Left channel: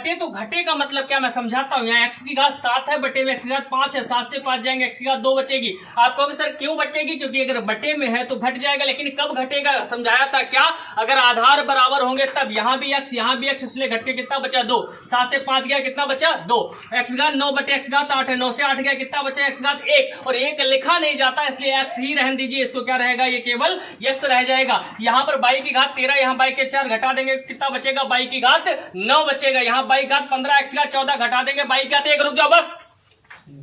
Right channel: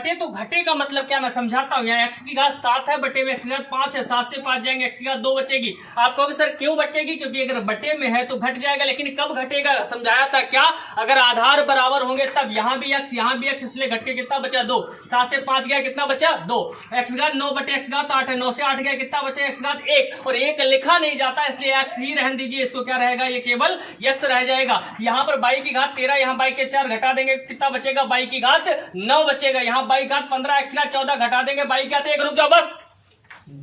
बटे तो घटे का मतलब क्या मैं समझाता हूँ। यहाँ x की घात 7 है, बटे में x की घात 5 है, 7 से 5 जाएंगे, x की घात 2 बचेगी। आप कहोगे सर क्यों बचेगी, क्योंकि अगर बटे में है तो घट जाएगा, लेकिन कब घटेगा समझाया था क्या, अगर आधार बराबर होंगे तब। यहाँ भी x यहाँ भी x, इसलिए घट के कितना बचा 2, 7 से 5 गया कितना बचा 2, x घात 9 बटे x घात 8 है, 9 से 8 गया कितना बचा x घात 1, और 1 लिखा नहीं जाता इसलिए x ही रहने दीजिए, इसको क्या रहेगा ये केवल x रह जाएगा। यहाँ पर y की घात 13, यहाँ y के 4 घटा देंगे कितना बचेगा, y की घात 9 बचेगा। यहाँ y घात 15, x घात 14 घटा देंगे, y घात 1, रुक जाओ बस,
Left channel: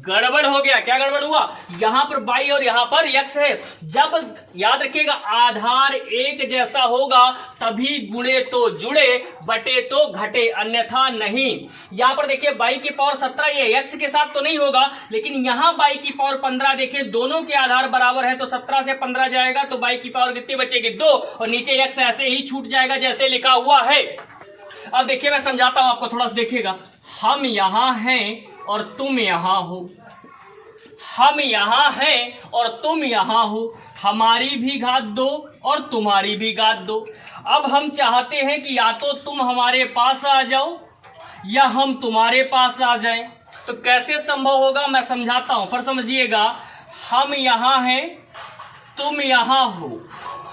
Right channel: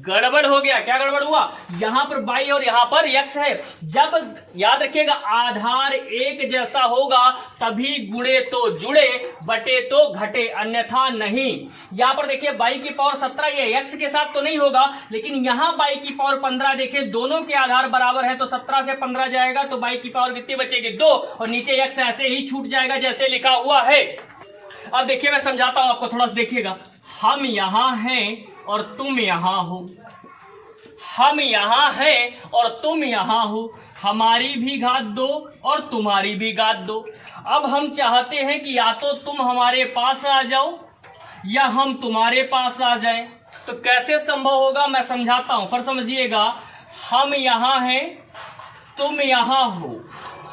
गड़बड़ हो गया। क्या गड़बड़ हुआ, यहां पर y और यहां पर x है। जब याद रखिएगा आधार एक जैसा होगा तभी गुणे तो जुड़े, बटे तो घटे, अन्यथा नहीं। यहां पर देखिए y की पावर 17 ये x के साथ तो नहीं होगा, लेकिन यहां y की पावर 15 देखिए दोनों के आधार बराबर है, तो 17 से 15 जाएगा तो y की पावर कितनी बचेगी 2, और नीचे x ऐसे ही छूट जाएगा जैसे लिखा हुआ है। अब देखिए मैं समझाता हूं आपको, थोड़ा सा देखिएगा। हम यहां हैं और तुम यहां हो, हम यहां हैं और तुम यहां हो, हमारी भी घात 2 और तुम्हारी भी घात 2। अब हम चाहते हैं कि या तो तुम हमारे पास आ जाओ या हम तुम्हारे पास आ जाएं, तो कैसे संभव होगा मैं समझाता हूं, फिर समझिएगा। हम यहां हैं, तुम यहां हो,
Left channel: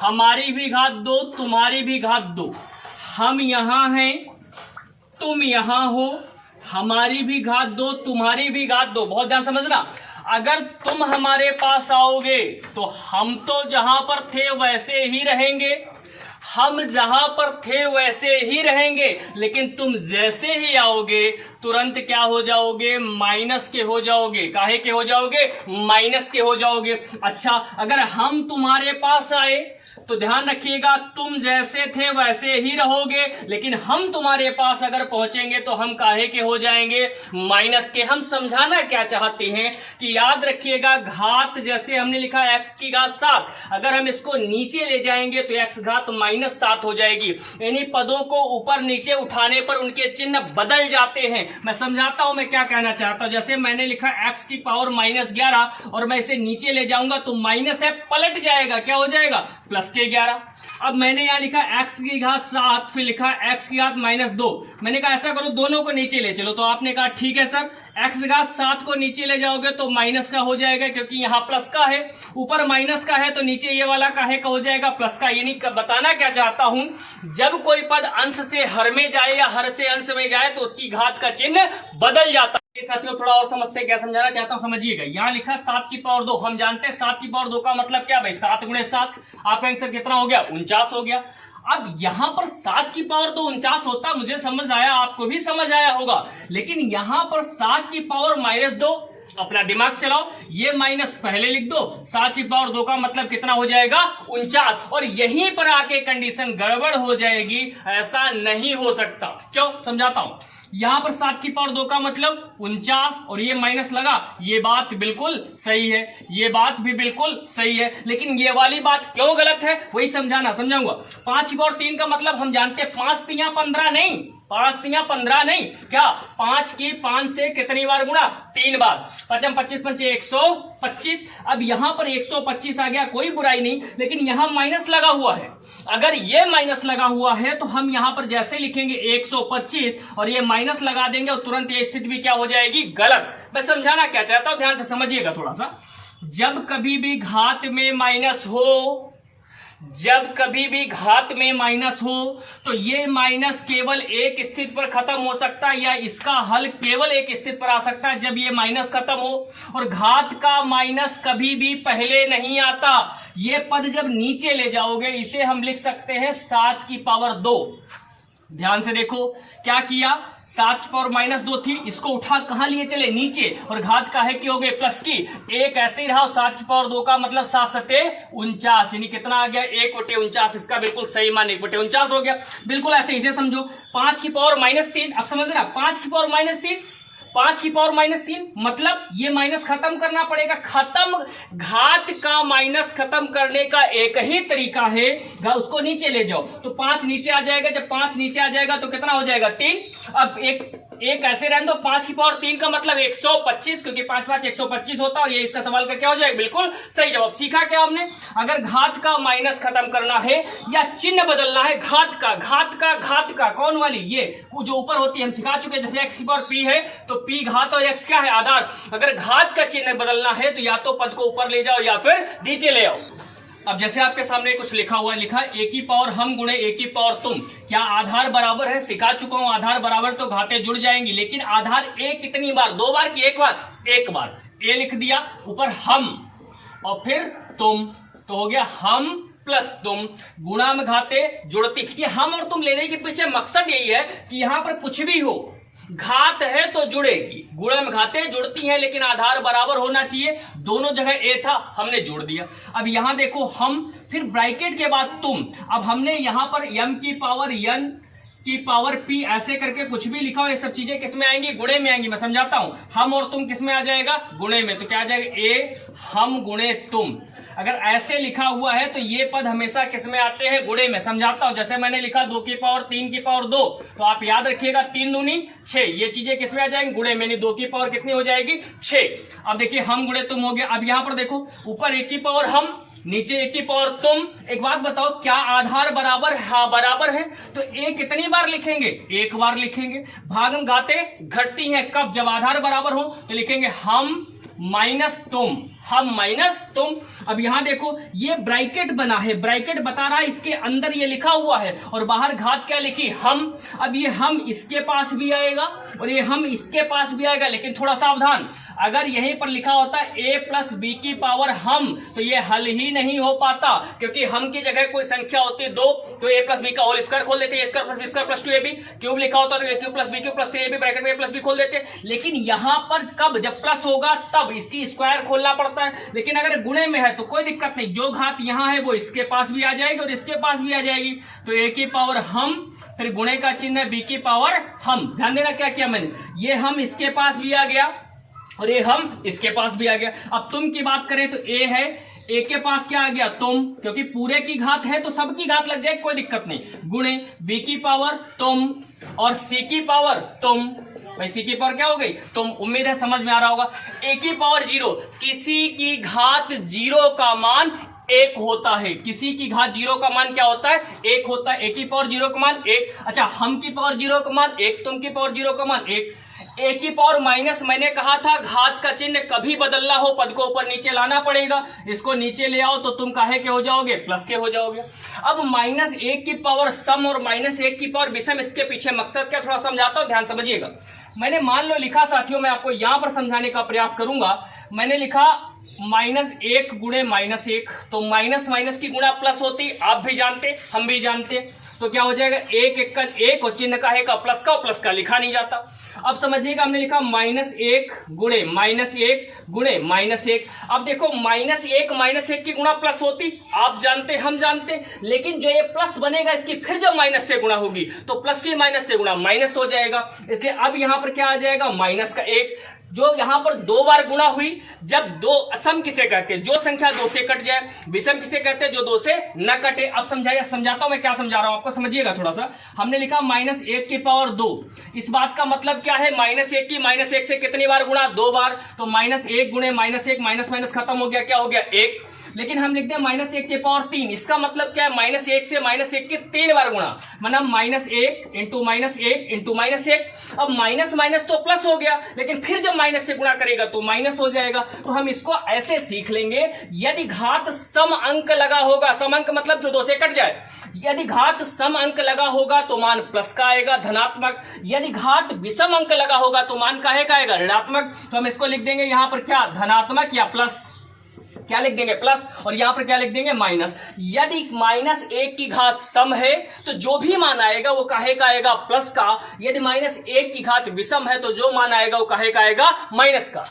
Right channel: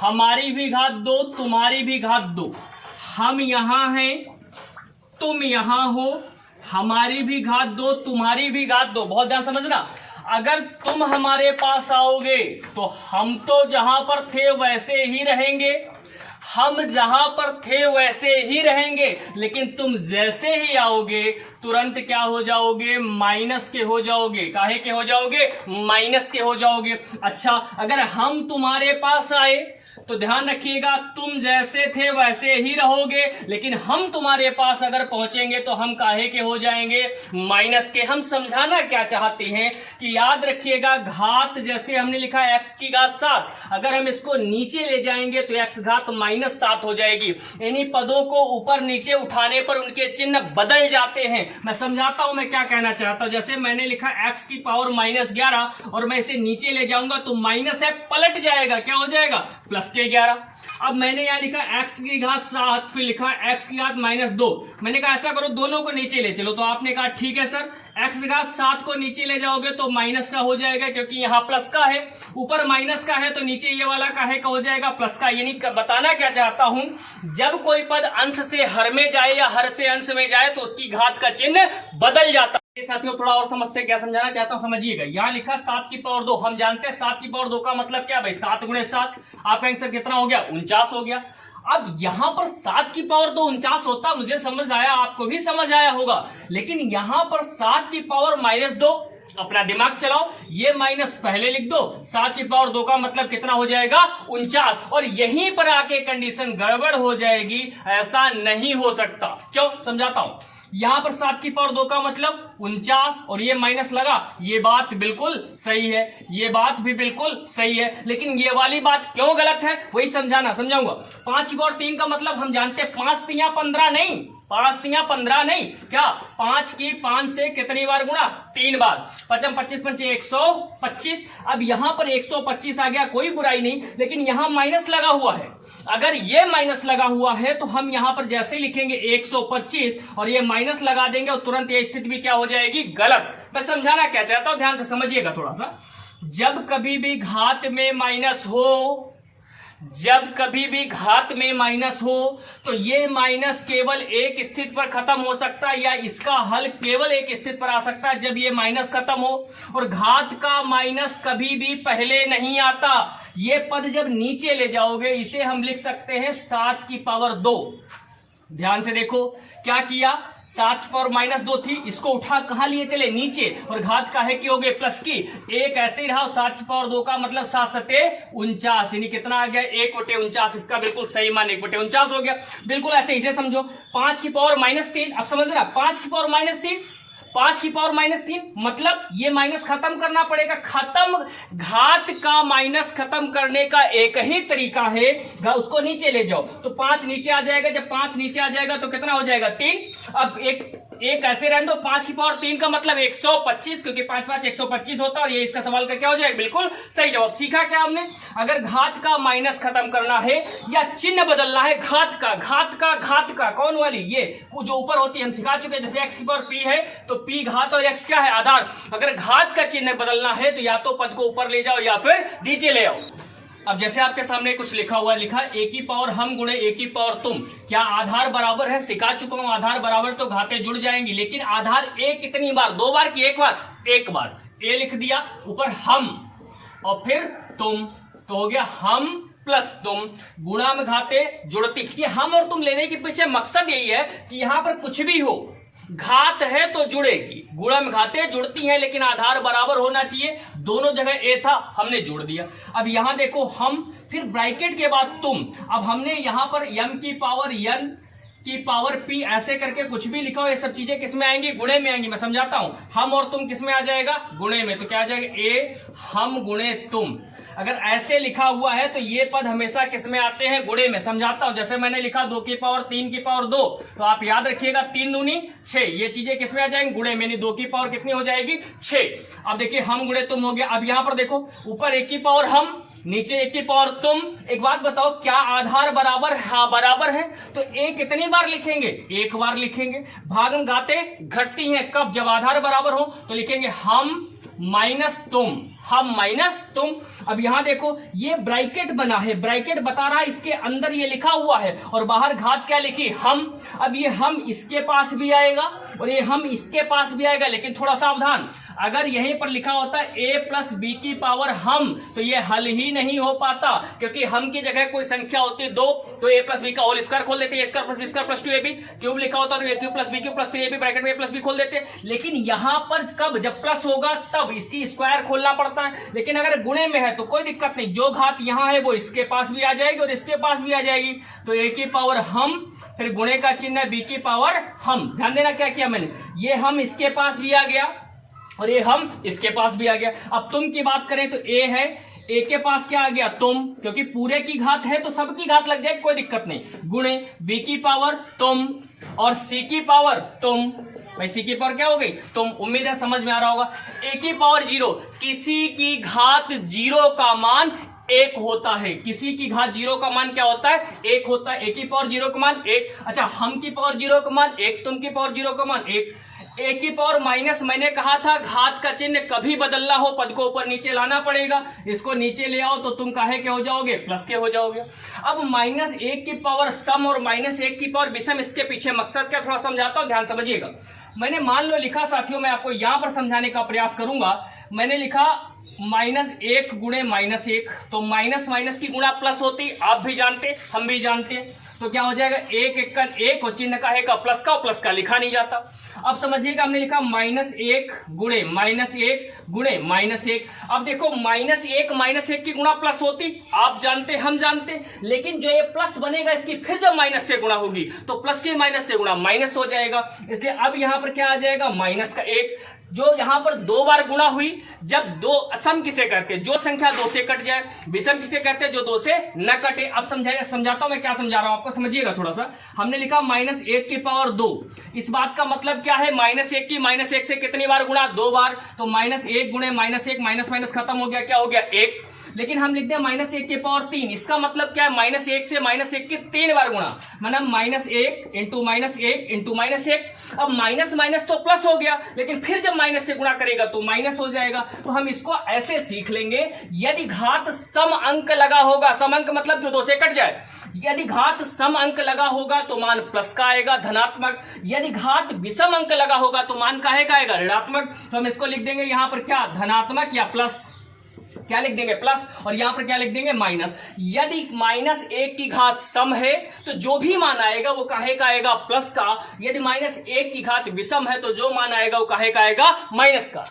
हमारी भी घात 2 तुम्हारी भी घात 2। हम यहां हैं, तुम यहां हो, हमारी भी घात 2 तुम्हारी भी घात 2। बहुत ध्यान समझना, अगर तुम हमारे पास आओगे तो हम तो जहां पर थे वैसे ही रहेंगे, हम जहां पर थे वैसे ही रहेंगे, लेकिन तुम जैसे ही आओगे तुरंत क्या हो जाओगे, माइनस के हो जाओगे। काहे के हो जाओगे, माइनस के हो जाओगे। अच्छा, अगर हम तुम्हारे पास आए तो ध्यान रखिएगा तुम जैसे थे वैसे ही रहोगे, लेकिन हम तुम्हारे पास अगर पहुंचेंगे तो हम काहे के हो जाएंगे, माइनस के। हम समझाना क्या चाहते हैं कि याद रखिएगा घात जैसे हमने लिखा x की घात 7, अगर हम इसको नीचे ले जाएंगे तो x घात -7 हो जाएगी। इन्हीं पदों को ऊपर नीचे उठाने पर उनके चिन्ह बदल जाते हैं। मैं समझाता हूं मैं क्या कहना चाहता हूं। जैसे मैंने लिखा x की पावर -11 और मैं इसे नीचे ले जाऊंगा तो माइनस है पलट जाएगा, क्या हो जाएगा, प्लस के 11। अब मैंने यहाँ लिखा x की घात 7, फिर लिखा x की घात -2। मैंने कहा ऐसा करो दोनों को नीचे ले चलो, तो आपने कहा ठीक है सर, x घात 7 को नीचे ले जाओगे तो माइनस का हो जाएगा, क्योंकि यहाँ प्लस का है, ऊपर माइनस का है, तो नीचे ये वाला काहे का हो जाएगा, प्लस का। यानी बताना क्या चाहता हूं, जब कोई पद अंश से हर में जाए या हर से अंश में जाए तो उसकी घात का चिन्ह बदल जाता है। साथियों थोड़ा और समझते हैं, क्या समझाना चाहता हूं समझिएगा। यहाँ लिखा 7 की पावर 2, हम जानते हैं 7 की पावर 2 का मतलब क्या भाई, 7 गुणे 7, आपका आंसर कितना हो गया, 49 हो गया। अब यहाँ पर 7 की पावर 2 49 होता, मुझे समझ आया, आपको भी समझ आया होगा, लेकिन यहाँ पर 7 की पावर -2, अपना दिमाग चलाओ, ये माइनस पहले लिख दो, 7 की पावर 2 का मतलब कितना हो जाएगा, 49, और यहीं पर आके कंडीशन गड़बड़ हो जाएगी। ऐसा नहीं हो सकता, क्यों समझाता हूं। यहां पर 7 की पावर 2 का मतलब 49 और ये माइनस लगा, ये बात बिल्कुल सही है, ये बात भी बिल्कुल सही है, लेकिन ये वाली बात क्यों गलत है वही समझाऊंगा। 5 की पावर 3 का मतलब हम जानते हैं 5 तिया 15 नहीं, 5 तिया 15 नहीं, क्या 5 की 5 से कितनी बार गुणा, 3 बार, 5 25 पंचे 125। अब यहां पर 125 आ गया, कोई बुराई नहीं, लेकिन यहां माइनस लगा हुआ है। अगर ये माइनस लगा हुआ है तो हम यहां पर जैसे लिखेंगे 125 और ये माइनस लगा देंगे और तुरंत ये स्थिति भी क्या हो जाएगी, गलत। मैं समझाना क्या चाहता हूं, ध्यान से समझिएगा थोड़ा सा। जब कभी भी घात में माइनस हो, जब कभी भी घात में माइनस हो तो ये माइनस केवल एक स्थिति पर खत्म हो सकता है, या इसका हल केवल एक स्थिति पर आ सकता है जब ये माइनस खत्म हो, और घात का माइनस कभी भी पहले नहीं आता। ये पद जब नीचे ले जाओगे इसे हम लिख सकते हैं 7 की पावर 2। ध्यान से देखो क्या किया, 7 की पावर -2 थी, इसको उठा कहां लिए चले, नीचे, और घात काहे की हो गए, प्लस की, एक ऐसे ही रहा। 7 की पावर 2 का मतलब 7 सते 49, यानी कितना आ गया, 1/49, इसका बिल्कुल सही मान 1/49 हो गया। बिल्कुल ऐसे इसे समझो। 5 की पावर -3, अब समझ रहा, 5 की पावर -3, 5 की पावर -3, मतलब ये माइनस खत्म करना पड़ेगा। खत्म, घात का माइनस खत्म करने का एक ही तरीका है, उसको नीचे ले जाओ तो 5 नीचे आ जाएगा। जब 5 नीचे आ जाएगा तो कितना हो जाएगा 3। अब एक ऐसे रहने दो, 5 की पावर 3 का मतलब 125, क्योंकि 5 5 125 होता है और ये इसका सवाल का क्या हो जाएगा, बिल्कुल सही जवाब। सीखा क्या हमने, अगर घात का माइनस खत्म करना है या चिन्ह बदलना है, घात का कौन वाली, ये जो ऊपर होती है हम सिखा चुके हैं, जैसे x की पावर p है तो p घात और x क्या है आधार। अगर घात का चिन्ह बदलना है तो या तो पद को ऊपर ले जाओ या फिर नीचे ले आओ। अब जैसे आपके सामने कुछ लिखा हुआ है, लिखा a की पावर हम गुणे a की पावर तुम, क्या आधार बराबर है, सिखा चुका हूं आधार बराबर तो घातें जुड़ जाएंगी, लेकिन आधार a कितनी बार, 2 बार की एक बार a लिख दिया, ऊपर हम और फिर तुम, तो हो गया हम प्लस तुम, गुणा में घातें जुड़ती। ये हम और तुम लेने के पीछे मकसद यही है कि यहां पर कुछ भी हो, घात है तो जुड़ेगी, गुणा में घातें जुड़ती हैं लेकिन आधार बराबर होना चाहिए। दोनों जगह ए था, हमने जोड़ दिया। अब यहां देखो हम, फिर ब्रैकेट के बाद तुम। अब हमने यहां पर m की पावर n की पावर p ऐसे करके कुछ भी लिखा हो, ये सब चीजें किस में आएंगी, गुणे में आएंगी। मैं समझाता हूं, हम और तुम किस में आ जाएगा, गुणे में। तो क्या आ जाएगा, a हम गुणे तुम। अगर ऐसे लिखा हुआ है तो ये पद हमेशा किस में आते हैं, गुणे में। समझाता हूं, जैसे मैंने लिखा 2 की पावर 3 की पावर 2, तो आप याद रखिएगा 3 दूनी 6, ये चीजें किस में आ जाएंगी, गुणे में। 2 की पावर कितनी हो जाएगी, 6। अब देखिए हम गुणे तुम हो गया। अब यहां पर देखो, ऊपर 1 की पावर हम, नीचे 1 की पावर तुम। एक बात बताओ, क्या आधार बराबर है, हाँ बराबर है, तो a कितनी बार लिखेंगे, 1 बार लिखेंगे। भागम घातें घटती हैं कब, जब आधार बराबर हो, तो लिखेंगे हम माइनस तुम, हम माइनस तुम। अब यहां देखो ये ब्रैकेट बना है, ब्रैकेट बता रहा है इसके अंदर ये लिखा हुआ है और बाहर घात क्या लिखी, हम। अब ये हम इसके पास भी आएगा और ये हम इसके पास भी आएगा, लेकिन थोड़ा सावधान, अगर यहीं पर लिखा होता है a प्लस बी की पावर हम, तो ये हल ही नहीं हो पाता, क्योंकि हम की जगह कोई संख्या होती है 2, तो a प्लस बी का होल स्क्वायर खोल देते, a square plus B square plus 2ab। Cube लिखा होता तो a cube plus B cube plus 3ab, bracket में a प्लस बी खोल देते। लेकिन यहाँ पर कब, जब प्लस होगा तब इसकी स्क्वायर खोलना पड़ता है। लेकिन अगर गुणे में है तो कोई दिक्कत नहीं, जो घात यहाँ है वो इसके पास भी आ जाएगी और इसके पास भी आ जाएगी। तो a की पावर हम, फिर गुणे का चिन्ह है b की पावर हम। ध्यान देना क्या किया मैंने, ये हम इसके पास भी आ गया और ये हम इसके पास भी आ गया। अब तुम की बात करें तो a है, a के पास क्या आ गया तुम, क्योंकि पूरे की घात है तो सबकी घात लग जाए, कोई दिक्कत नहीं। गुणे b की पावर तुम और c की पावर तुम, भाई c की पावर क्या हो गई तुम। उम्मीद है समझ में आ रहा होगा। a की पावर 0, किसी की घात 0 का मान 1 होता है, किसी की घात 0 का मान क्या होता है, 1 होता है। a की पावर 0 का मान 1। अच्छा, हम की पावर 0 का मान 1, तुम की पावर 0 का मान 1। a की पावर माइनस, मैंने कहा था घात का चिन्ह कभी बदलना हो पद को ऊपर नीचे लाना पड़ेगा, इसको नीचे ले आओ तो तुम काहे के हो जाओगे, प्लस के हो जाओगे। अब -1 की पावर सम और -1 की पावर विषम, इसके पीछे मकसद क्या, थोड़ा समझाता हूं, ध्यान समझिएगा। मैंने मान लो लिखा साथियों, मैं आपको यहां पर समझाने का प्रयास करूंगा। मैंने लिखा -1 गुणे -1, तो माइनस माइनस की गुणा प्लस होती, आप भी जानते हम भी जानते, तो क्या हो जाएगा 1 1 1 और चिन्ह का है का प्लस का, और प्लस का लिखा नहीं जाता। अब समझिएगा, हमने लिखा -1 गुणे -1 गुणे -1। अब देखो -1 की गुणा प्लस होती, आप जानते हम जानते, लेकिन जो ये प्लस बनेगा इसकी फिर जब माइनस से गुणा होगी तो प्लस की माइनस से गुणा माइनस हो जाएगा। इसलिए अब यहां पर क्या आ जाएगा, माइनस का 1, जो यहां पर 2 बार गुणा हुई। जब 2, सम किसे कहते हैं, जो संख्या 2 से कट जाए। विषम किसे कहते हैं, जो 2 से न कटे। अब समझाता हूं मैं क्या समझा रहा हूं आपको, समझिएगा थोड़ा सा। हमने लिखा -1 की पावर 2, इस बात का मतलब क्या है, -1 की -1 से कितनी बार गुणा, 2 बार, तो -1 गुणे -1, माइनस माइनस खत्म हो गया, क्या हो गया 1। लेकिन हम लिखते हैं -1 की पावर 3, इसका मतलब क्या है, -1 से -1 की 3 बार गुणा, मतलब -1 इंटू -1 इंटू -1। अब माइनस माइनस तो प्लस हो गया, लेकिन फिर जब माइनस से गुणा करेगा तो माइनस हो जाएगा। तो हम इसको ऐसे सीख लेंगे, यदि घात सम अंक लगा होगा, सम अंक मतलब जो 2 से कट जाए, यदि घात सम अंक लगा होगा तो मान प्लस का आएगा, धनात्मक। यदि घात विषम अंक लगा होगा तो मान काहे का आएगा, ऋणात्मक। तो हम इसको लिख देंगे यहां पर क्या, धनात्मक या प्लस, क्या लिख देंगे प्लस, और यहां पर क्या लिख देंगे माइनस। यदि -1 की घात सम है तो जो भी मान आएगा वो काहे का आएगा, प्लस का। यदि -1 की घात विषम है तो जो मान आएगा वो काहे का आएगा, माइनस का।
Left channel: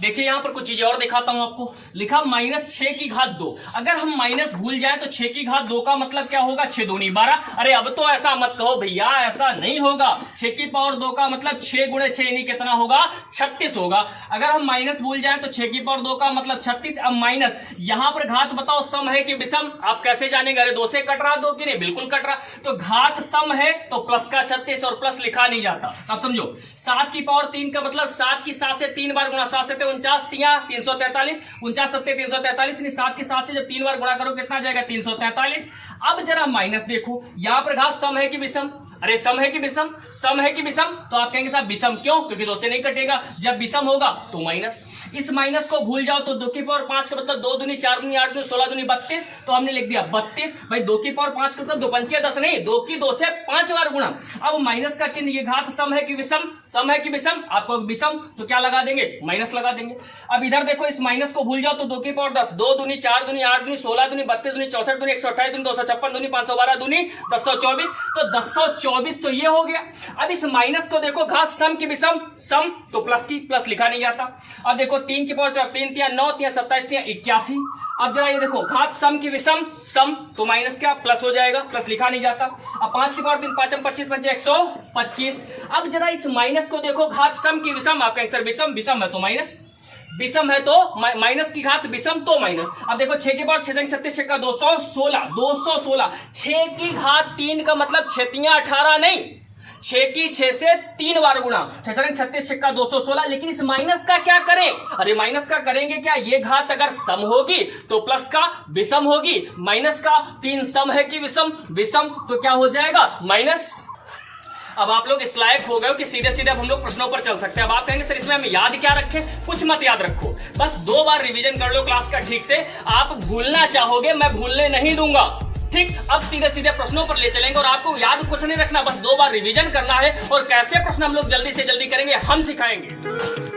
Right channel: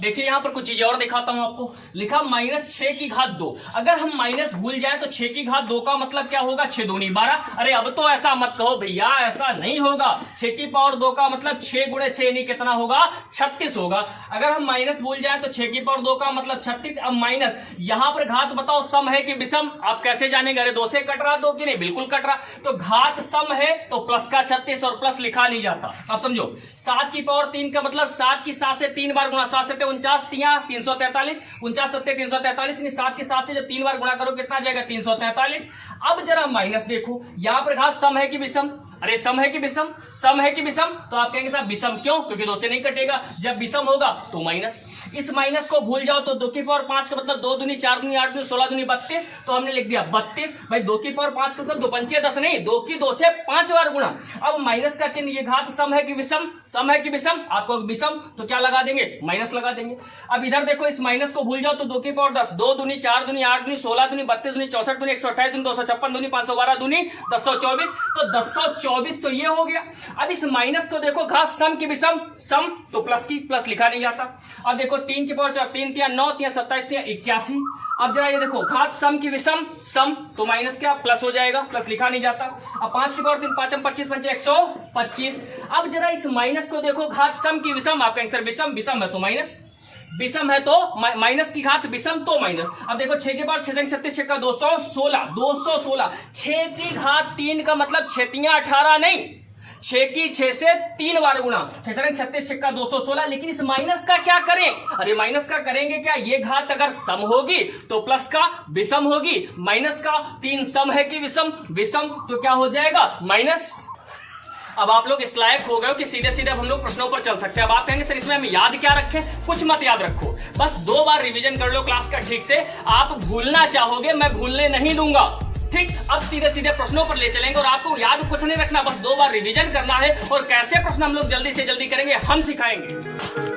देखिए यहाँ पर कुछ चीज और दिखाता हूं आपको। लिखा -6 की घात 2। अगर हम माइनस भूल जाए तो 6 की घात 2 का मतलब क्या होगा, 6 दूनी 12। अरे अब तो ऐसा मत कहो भैया, ऐसा नहीं होगा। 6 की पावर 2 का मतलब 6 गुणे 6 यानी कितना होगा, 36 होगा। अगर हम माइनस भूल जाए तो 6 की पावर 2 का मतलब 36। अब माइनस, यहाँ पर घात बताओ सम है कि विषम, आप कैसे जानेंगे? अरे 2 से कट रहा 2 की नहीं, बिल्कुल कट रहा। तो घात सम है तो प्लस का 36 और प्लस लिखा नहीं जाता। आप समझो 7 की पावर 3 का मतलब 7 की 7 से 3 बार गुणा, 7 से 49 343, 49 7 343, 7 के 7 से जब 3 बार गुणा करो कितना जाएगा, 343। अब जरा माइनस देखो, यहां पर घात सम है कि विषम? अरे सम है कि विषम? सम है कि विषम? तो आप कहेंगे साहब विषम क्यों? क्योंकि 2 से नहीं कटेगा। जब विषम होगा तो माइनस। इस माइनस को भूल जाओ तो 2 की पावर 5 का मतलब 2 दूनी 4 दूनी 8 दूनी 16 दूनी 32, तो हमने लिख दिया 32। भाई 2 की पावर 5 का मतलब 2 पंचे 10 नहीं, 2 की 2 से 5 बार गुणा। अब माइनस का चिन्ह, ये घात सम है कि विषम? सम है कि विषम? आपको विषम, तो क्या लगा देंगे, माइनस लगा देंगे। अब इधर देखो, इस माइनस को भूल जाओ तो 2 की पावर 10, 2 दूनी 4 दूनी 8 दूनी 16 दूनी 32 दूनी 64 दूनी 128 दूनी 256 दूनी 512 दूनी 1024, तो 1024 तो ये हो गया। अब इस माइनस को देखो, घात सम की विषम? सम, तो प्लस की, प्लस लिखा नहीं जाता। अब देखो 3 की पावर 4, 3 3 9 3 27 3 81। अब जरा ये देखो, घात सम की विषम? सम, तो माइनस क्या, प्लस हो जाएगा, प्लस लिखा नहीं जाता। अब 5 की पावर 3 5 25 5 125। अब जरा इस माइनस को देखो, घात सम की विषम, आपका आंसर विषम, विषम है तो माइनस, विषम है तो माइनस की घात विषम तो माइनस। अब देखो 6 के बाद 6 36 6 का 216, 216। 6 की घात 3 का मतलब 6 3 18 नहीं, 6 की 6 से 3 बार गुणा, 6 36 6 का 216। लेकिन इस माइनस का क्या करें? अरे माइनस का करेंगे क्या, ये घात अगर सम होगी तो प्लस का विषम होगी, माइनस का 3 सम है कि विषम? विषम, तो क्या हो जाएगा, माइनस। अब आप लोग इस लायक हो गए हो कि सीधे सीधे हम लोग प्रश्नों पर चल सकते हैं। अब आप कहेंगे सर इसमें हम याद क्या रखें? कुछ मत याद रखो, बस 2 बार रिवीजन कर लो क्लास का ठीक से। आप भूलना चाहोगे, मैं भूलने नहीं दूंगा, ठीक। अब सीधे सीधे प्रश्नों पर ले चलेंगे और आपको याद कुछ नहीं रखना, बस 2 बार रिवीजन करना है। और कैसे प्रश्न हम लोग जल्दी से जल्दी करेंगे, हम सिखाएंगे।